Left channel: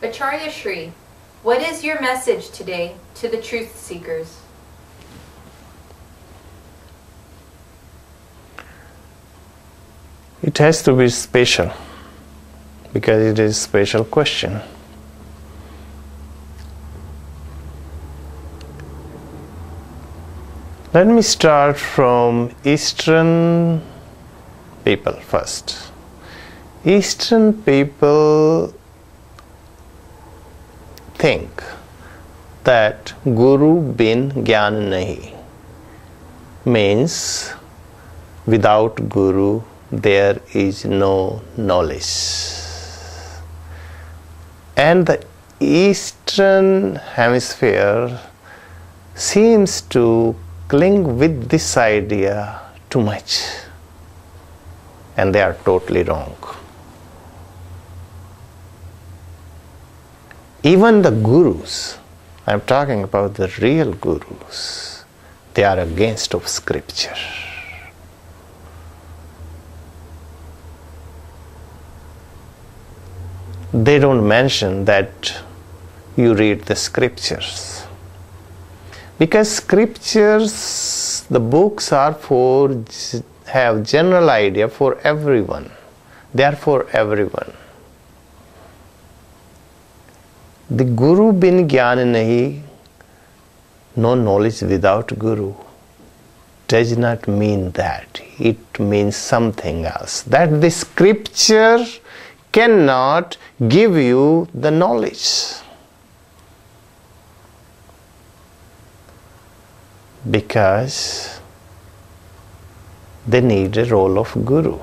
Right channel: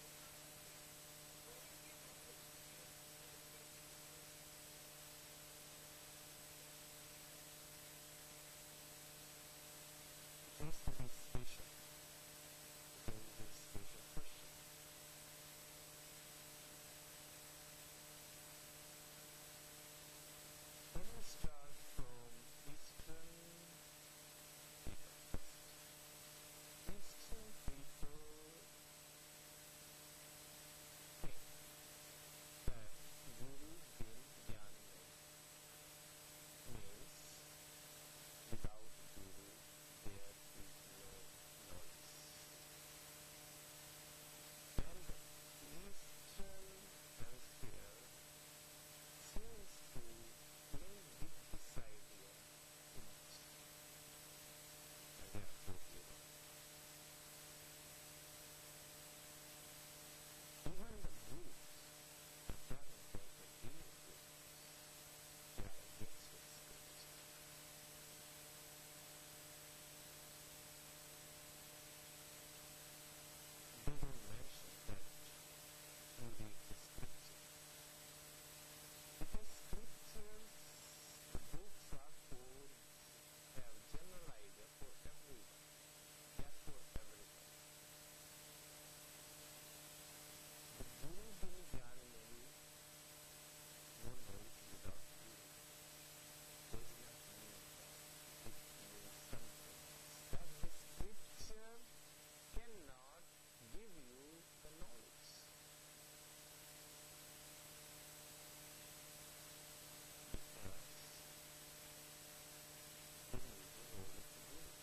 Acharya Shri, what is your message today to the truth seekers? It has to be special because it is a special question. Let me start from Eastern people first. Eastern people think that Guru bin Gyan nahi means without Guru there is no knowledge. And the Eastern hemisphere seems to cling with this idea too much, and they are totally wrong. Even the gurus, I am talking about the real gurus, they are against of scripture. They don't mention that you read the scriptures. Because scriptures, the books are have general idea for everyone. They are for everyone. The Guru bin Gyan nahi, no knowledge without Guru, does not mean that. It means something else. That the scripture cannot give you the knowledge. Because they need a role of Guru.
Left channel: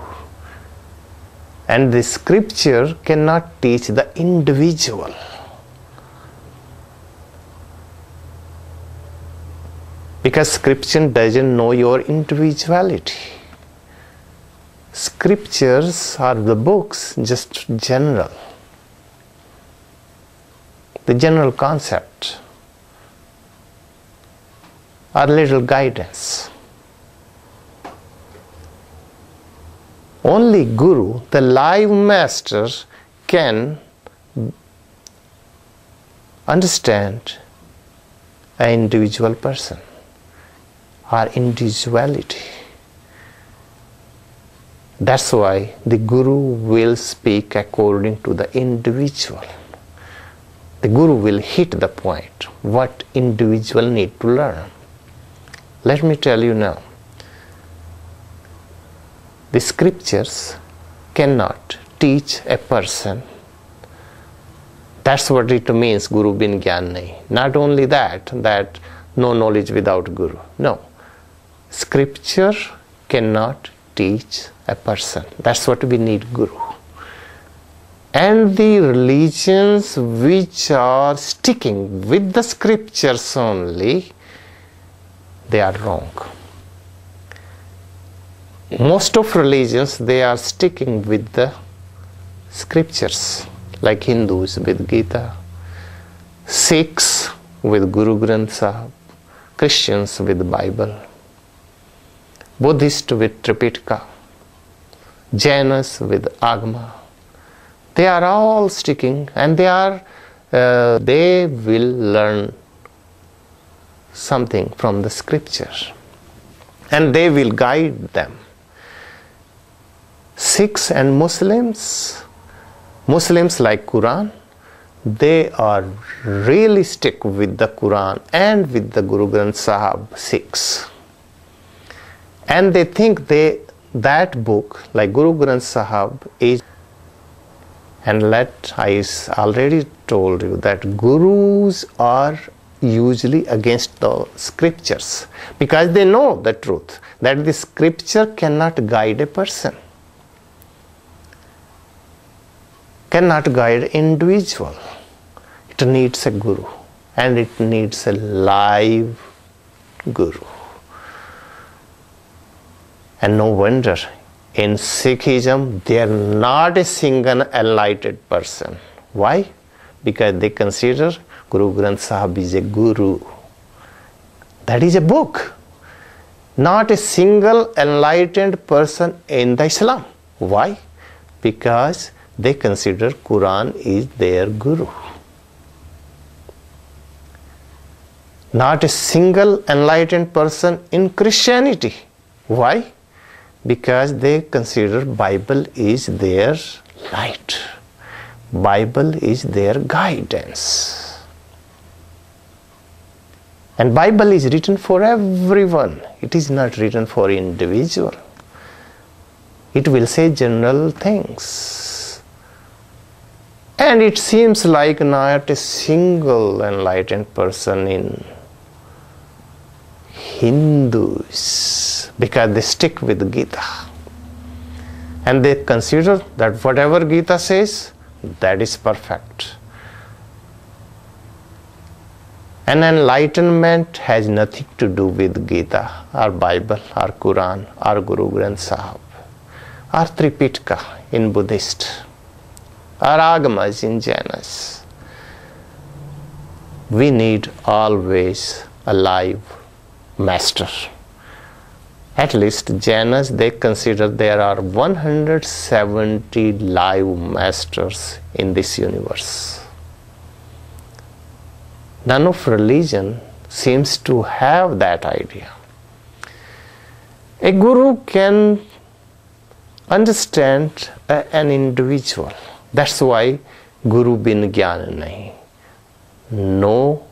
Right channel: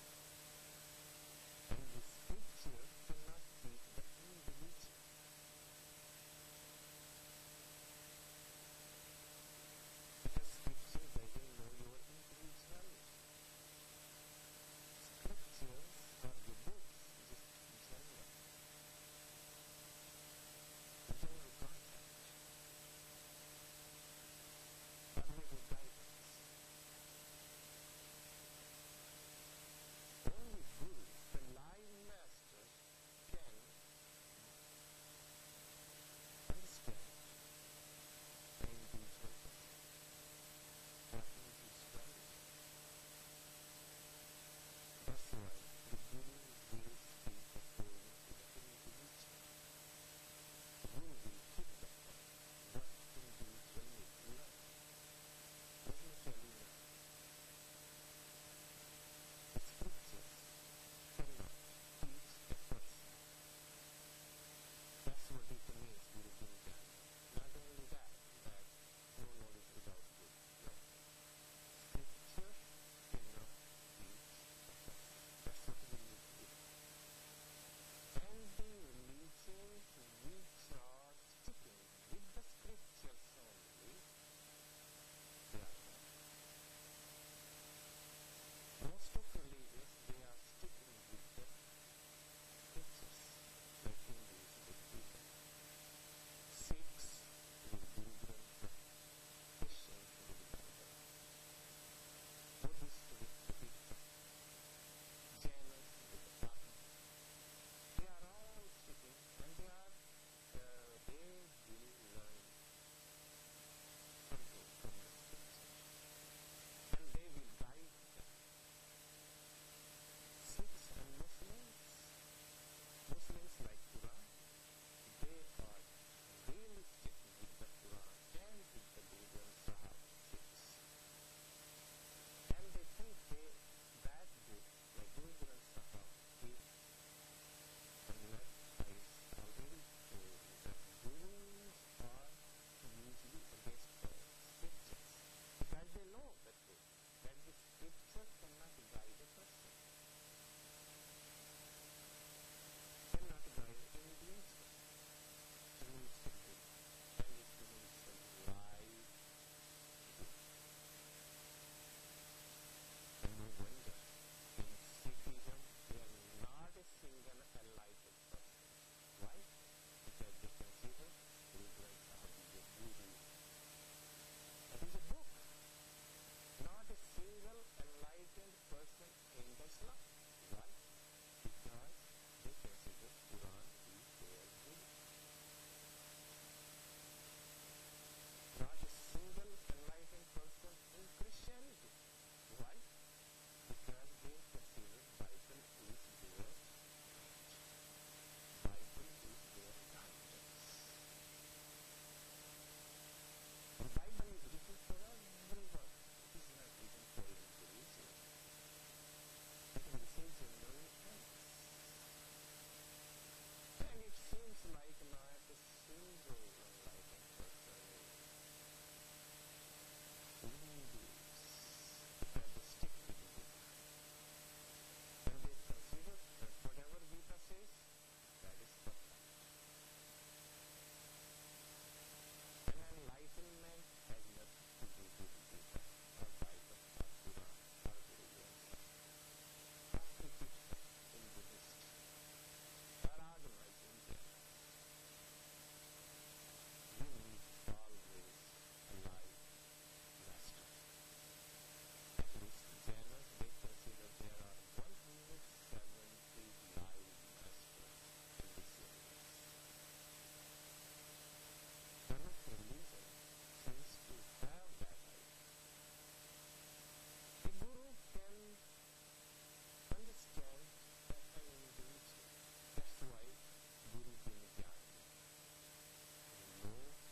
And the scripture cannot teach the individual. Because scripture doesn't know your individuality. Scriptures are the books, just general. The general concept. Or little guidance. Only Guru, the live master, can understand an individual person or individuality. That's why the Guru will speak according to the individual. The Guru will hit the point, what individual need to learn. Let me tell you now, the scriptures cannot teach a person. That's what it means, Guru bin Gyan nahi. Not only that no knowledge without Guru. No. Scripture cannot teach a person. That's what we need, Guru. And the religions which are sticking with the scriptures only, they are wrong. Most of religions, they are sticking with the scriptures, like Hindus with Gita, Sikhs with Guru Granth Sahib, Christians with Bible, Buddhists with Tripitaka, Jainas with Agama. They are all sticking, and they will learn something from the scripture, and they will guide them. Sikhs and Muslims like Quran, they are really stick with the Quran and with the Guru Granth Sahib Sikhs. And they think that book, like Guru Granth Sahib, is, and I already told you that gurus are usually against the scriptures because they know the truth, that the scripture cannot guide a person, cannot guide individual. It needs a Guru, and it needs a live Guru. And no wonder, in Sikhism, they are not a single enlightened person. Why? Because they consider Guru Granth Sahib is a Guru. That is a book. Not a single enlightened person in the Islam. Why? Because they consider Quran is their Guru. Not a single enlightened person in Christianity. Why? Because they consider Bible is their light. Bible is their guidance. And Bible is written for everyone. It is not written for individual. It will say general things. And it seems like not a single enlightened person in Hindus, because they stick with Gita. And they consider that whatever Gita says, that is perfect. And enlightenment has nothing to do with Gita, or Bible, or Quran, or Guru Granth Sahib, or Tripitaka in Buddhist, or Agamas in Jainas. We need always a live master. At least Jainas, they consider there are 170 live masters in this universe. None of religion seems to have that idea. A guru can understand an individual. That's why Guru bin Gyan nahi. No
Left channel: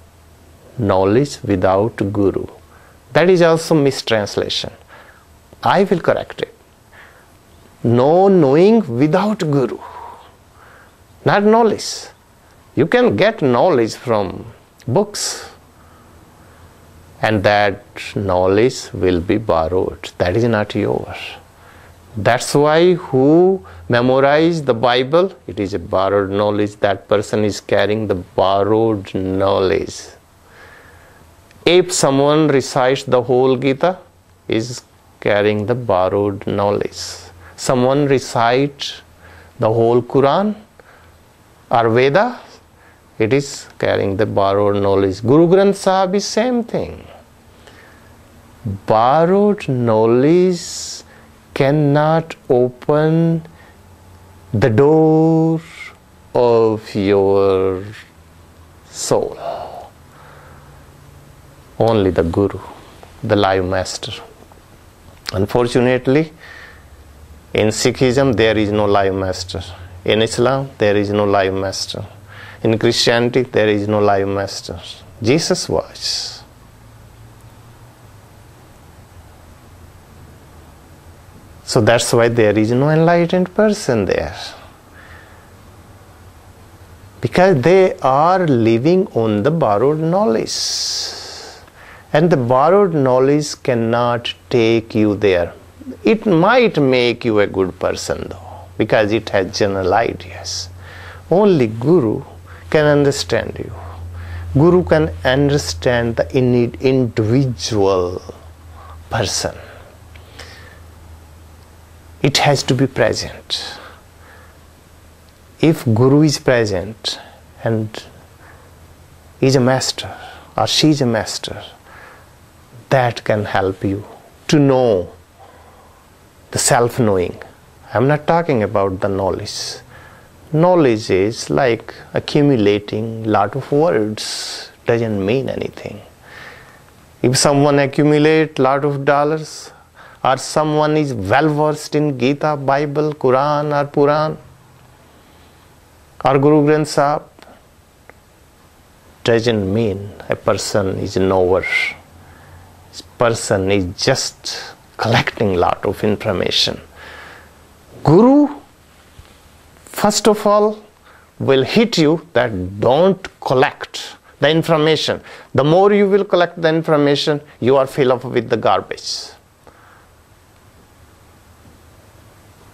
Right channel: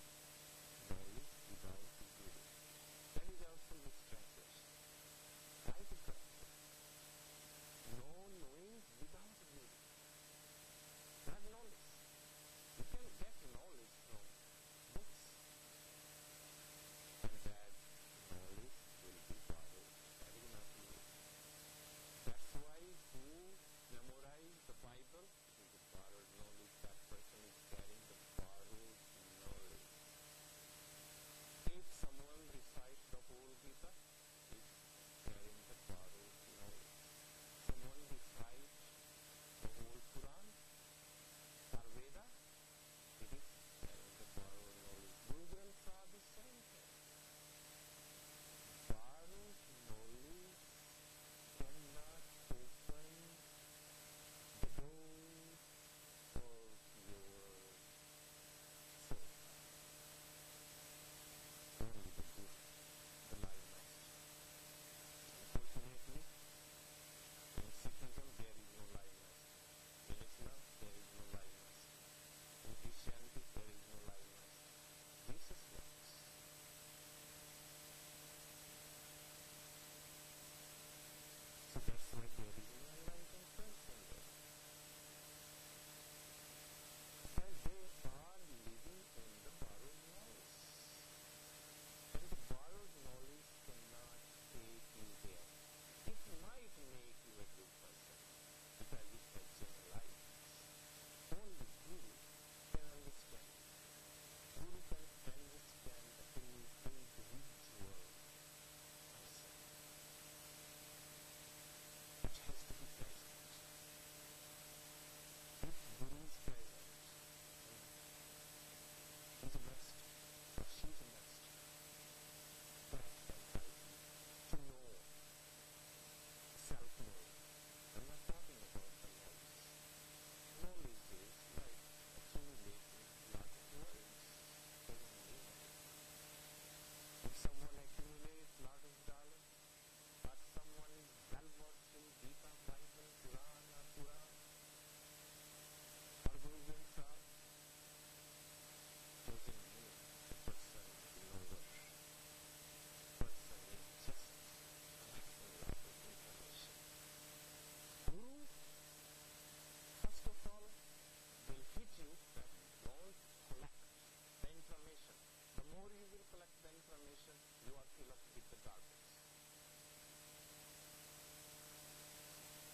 knowledge without Guru. That is also mistranslation. I will correct it. No knowing without Guru. Not knowledge. You can get knowledge from books, and that knowledge will be borrowed. That is not yours. That's why who memorize the Bible, it is a borrowed knowledge. That person is carrying the borrowed knowledge. If someone recites the whole Gita, is carrying the borrowed knowledge. Someone recites the whole Quran or Veda, it is carrying the borrowed knowledge. Guru Granth Sahib is same thing. Borrowed knowledge cannot open the door of your soul. Only the Guru, the live master. Unfortunately, in Sikhism there is no live master. In Islam there is no live master. In Christianity there is no live master. Jesus was. So that's why there is no enlightened person there. Because they are living on the borrowed knowledge. And the borrowed knowledge cannot take you there. It might make you a good person though, because it has general ideas. Only Guru can understand you. Guru can understand the individual person. It has to be present. If Guru is present and is a master or she is a master, that can help you to know the self-knowing. I'm not talking about the knowledge. Knowledge is like accumulating lot of words, doesn't mean anything. If someone accumulates lot of dollars, or someone is well versed in Gita, Bible, Quran or Puran, or Guru Granth Sahib, doesn't mean a person is knower. This person is just collecting lot of information. Guru, first of all, will hit you that don't collect the information. The more you will collect the information, you are filled up with the garbage.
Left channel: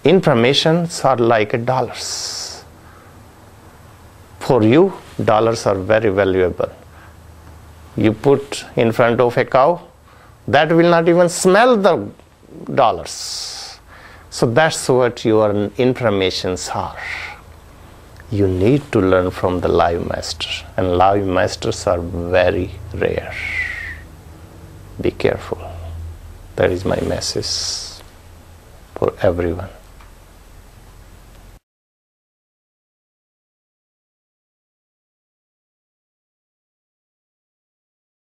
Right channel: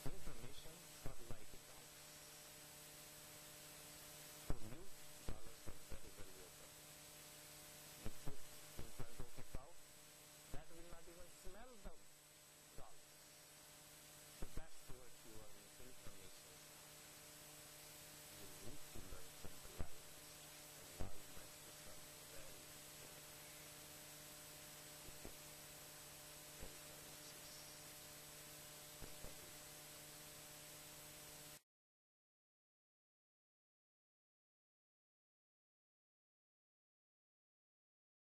Informations are like dollars. For you, dollars are very valuable. You put in front of a cow, that will not even smell the dollars. So that's what your informations are. You need to learn from the live master, and live masters are very rare. Be careful. That is my message for everyone.